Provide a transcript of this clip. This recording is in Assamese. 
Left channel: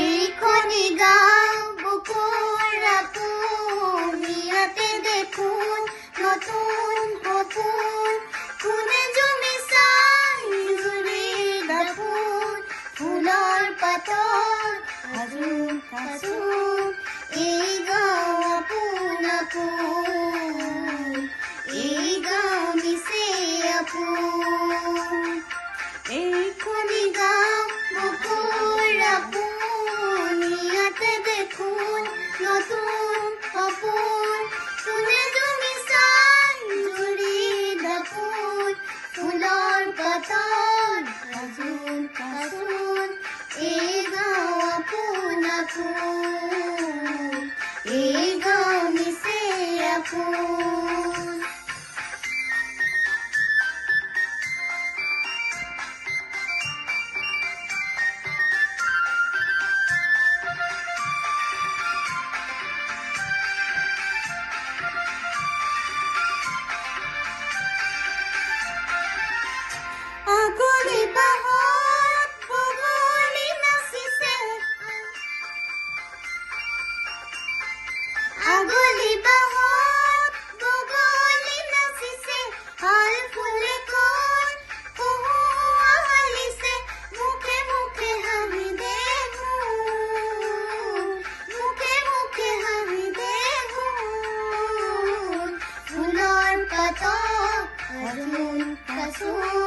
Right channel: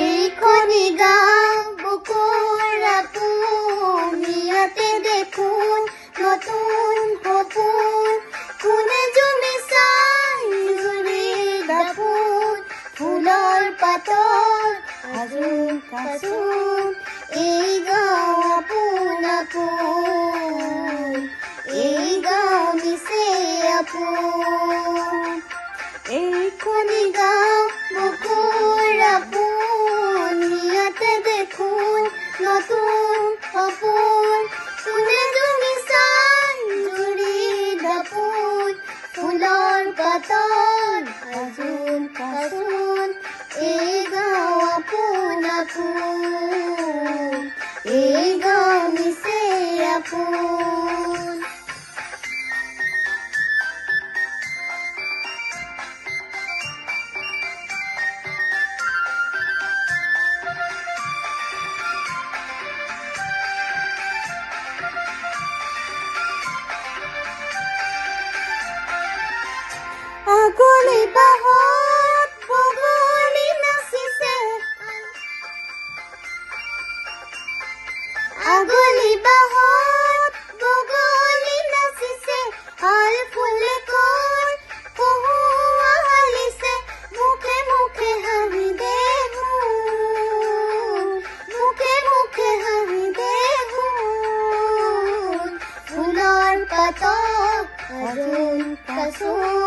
এইখনি গাঁও বুকুৰ আপোন, ইয়াতে দেখোন নতুন সপোন, কোনে জুমি চাই জুৰিৰ দাপোন, ফুলৰ পাতত সাজোন কাচোন, এই গাঁও আপোন আপোন, এই গাঁও নিচেই আপোন। এইখনি গাঁও বুকুৰ আপোন, ইয়াতে দেখোন নতুন সপোন, কোনে জুমি চাই জুৰিৰ দাপোন, ফুলৰ পাতত সাজোন কাচোন, এই গাঁও আপোন আপোন, এই গাঁও নিচেই আপোন। আগলি বাহত বগলী নাচিছে, আগলি বাহত বগলী নাচিছে, আল ফুলে কয় পহুৱা হালিছে, মুখে মুখে হাঁহি দেখোন, মুখে মুখে হাঁহি দেখোন, ফুলৰ পাতত সাজোন কাচোন,